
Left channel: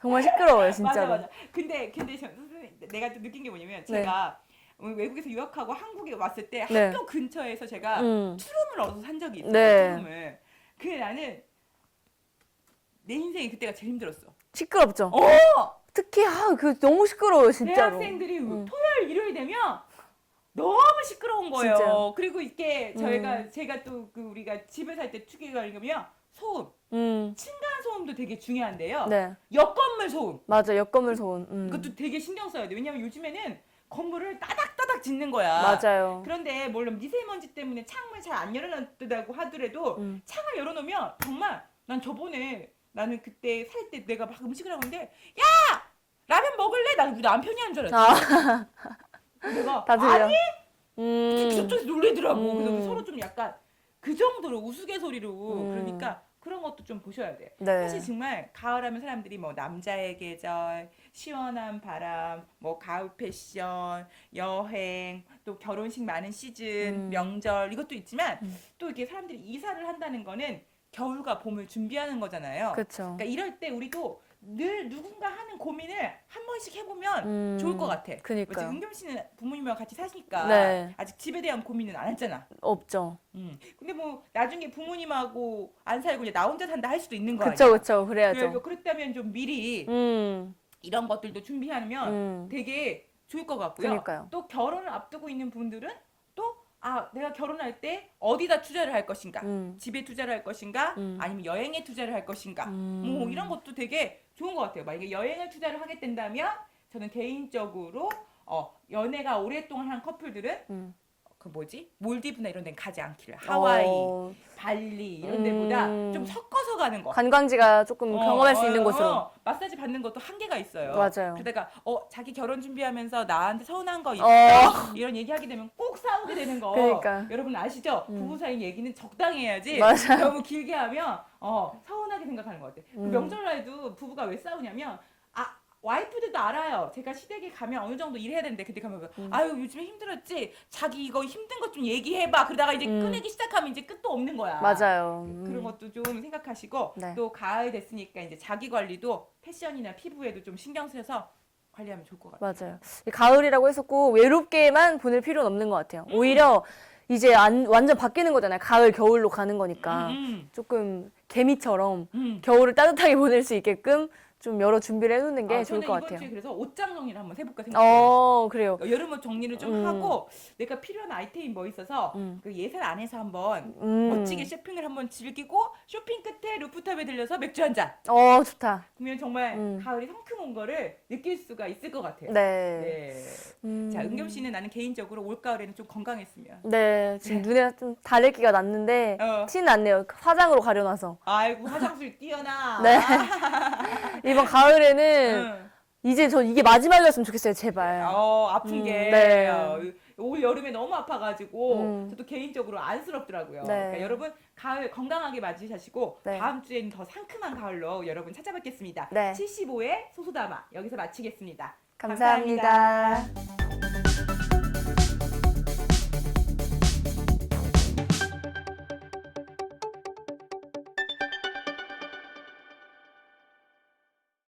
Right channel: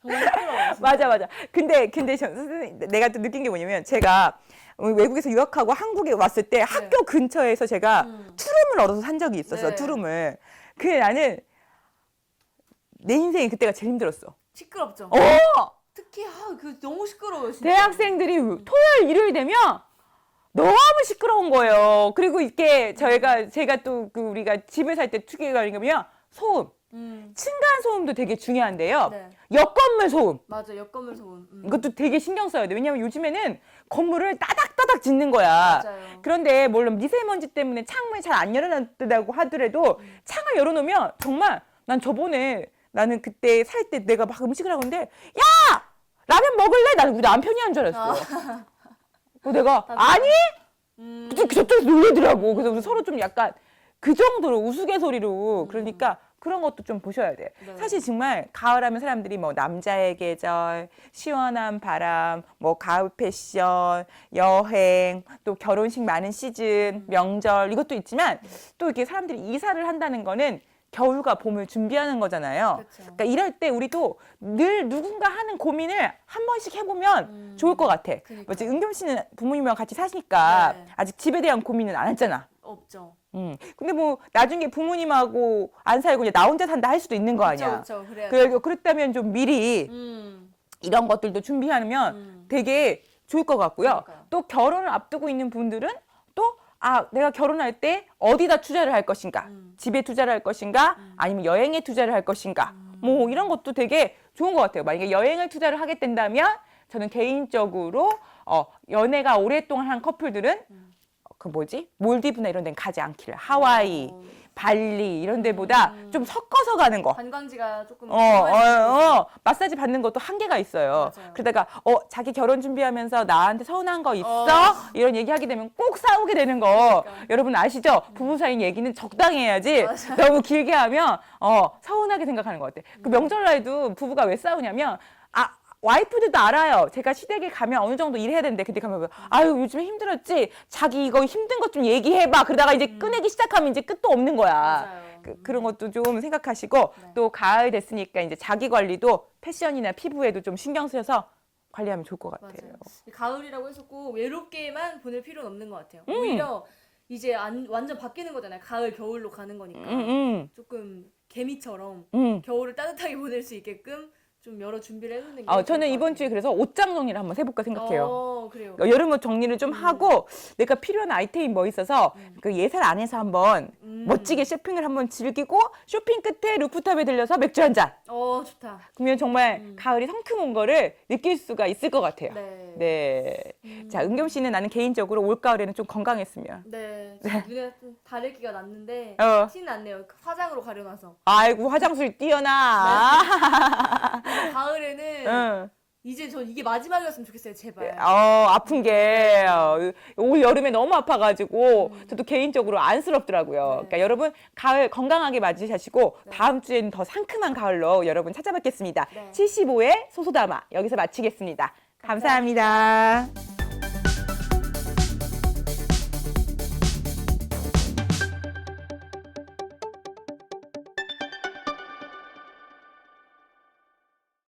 정말 시끄러워요, 진짜. 맞아. 근데 선생님, 내가 또 느낀 게 뭐냐면 제가 외국에서 유학하고 한국에 왔을 때 학교 근처에서 제가 투룸을 얻어서 산 적이 있었어요. 투룸을. 근데 나는 내 인생에 그때가 제일 힘들었어. 시끄럽죠. 특히 그 너무 시끄러워요, 진짜. 대학생들이 토요일 일요일 되면 너무 시끄러운 거예요. 진짜. 그리고 이게 제가 또 우리가 집을 살 때 특이가 뭐냐면 소음. 층간 소음도 되게 중요한데요. 네. 옆건물 소음. 맞아, 옆건물 소음. 이것도 되게 신경 써야 돼. 왜냐면 요즘에는 건물을 따닥따닥 짓는 거야. 맞아요. 그런데 물론 미세먼지 때문에 창문이 잘 안 열어놨다고 하더라도 창을 열어놓으면 정말 나는 그때 살 때 내가 막 음식을 하고 있는데 야! 라면 먹을래? 나는 우리 남편이 한 줄 알았어. 그래서 내가 아니? 저쪽에서 놀리더라고. 그래서 서로 좀 약간 그 정도로 우스갯소리로 그러니까 그런 것도 좀 보셔야 돼. 네. 사실 정말 가을하면 사람들이 뭐 남자의 계절, 시원한 바람, 뭐 가을 패션, 여행, 또 결혼식 많은 시즌, 명절 이것도 있지만 또 이렇게 사람들이 이사를 한다는 거는 겨울과 봄을 준비하는 거잖아요. 그쵸. 그러니까 이럴 때 우리도 늘 누군가 하는 고민을 한 번씩 해보면 좋을 것 같아. 그러니까요. 뭐지, 은겸 씨는 부모님이랑 같이 사시니까 네. 아직 집에 대한 고민은 안 했잖아. 없죠. 근데 뭐 나중에 부모님하고 안 살고 이제 나 혼자 산다 할 수도 있는 거 아니야. 그쵸. 그래야죠. 그렇다면 좀 미리 이런 것들도 준비하면 되게 좋을 것 같고요. 그러니까요. 또 결혼을 앞두고 있는 분들은 또 내가 결혼할 때 어디다 투자를 할 것인가? 집에 투자를 할 것인가? 아니면 여행에 투자를 할 것인가? 뭐 이런 것도 되게 좋은 것 같아요. 만약에 여행을 투자를 하게 된다면 저는 개인적으로 연애가 오랫동안 한 커플들은 몰디브나 이런 데는 가지 않기를. 하와이, 발리 이런 데보다 좀 섞어서 가는 거. 관광지가 조금 경험할 수 있는 곳으로. 마사지 받는 것도 한계가 있어요. 맞아요. 그러다가 자기 결혼 준비하면서 나한테 서운한 거 있어? 이런 얘기하게 되면 꼭 싸우게 되는 거. 그러니까. 여러분 아시죠? 부부 사이 얘기는 적당히 해야지. 맞아요. 너무 길게 하면 서운하게 생각하는 것 같아. 그 명절날에도 부부가 왜 싸우냐면 와이프들도 알아요. 제가 시댁에 가면 어느 정도 일해야 되는데 그때 가면 아유 요즘 힘들었지. 자기 이거 힘든 것 좀 얘기해봐. 그러다가 이제 꺼내기 시작하면 이제 끝도 없는 거야. 맞아요. 그런 것도 좀 생각하시고 네. 또 가을 됐으니까 이제 자기 관리도 패션이나 피부에도 좀 신경 쓰여서 관리하면 좋을 것 같아요. 맞아요. 가을이라고 해서 꼭 외롭게만 보낼 필요는 없는 것 같아요. 오히려 이제 완전 바뀌는 거잖아요. 가을, 겨울로 가는 거니까. 조금 개미처럼 겨울을 따뜻하게 보낼 수 있게끔 좀 여러 준비를 해놓는 게 좋을 저는 것 이번 같아요. 주에 그래서 옷장 정리를 한번 해볼까 생각해요. 그래요. 여름옷 정리를 좀 하고 내가 필요한 아이템이 뭐 있어서 그 예산 안에서 한번 멋지게 쇼핑을 한번 즐기고 쇼핑 끝에 루프탑에 들려서 맥주 한 잔. 좋다. 그러면 정말 가을이 성큼 온 거를 느낄 수가 있을 것 같아요. 네. 자, 은겸 씨는 나는 개인적으로 올가을에는 좀 건강했으면. 네. 제 눈에 좀 다래끼가 났는데 티는 안 내요. 화장으로 가려놔서. 아이고 화장술 뛰어나. 이번 가을에는 이제 저 이게 마지막이었으면 좋겠어요, 제발. 아픈 게 올 여름에 너무 아파가지고 저도 개인적으로 안쓰럽더라고요. 네. 그러니까 여러분 가을 건강하게 맞이하시고 네. 다음 주에는 더 상큼한 가을로 여러분 찾아뵙겠습니다. 네. 75회 소소담아 여기서 마치겠습니다. 감사합니다. 감사합니다.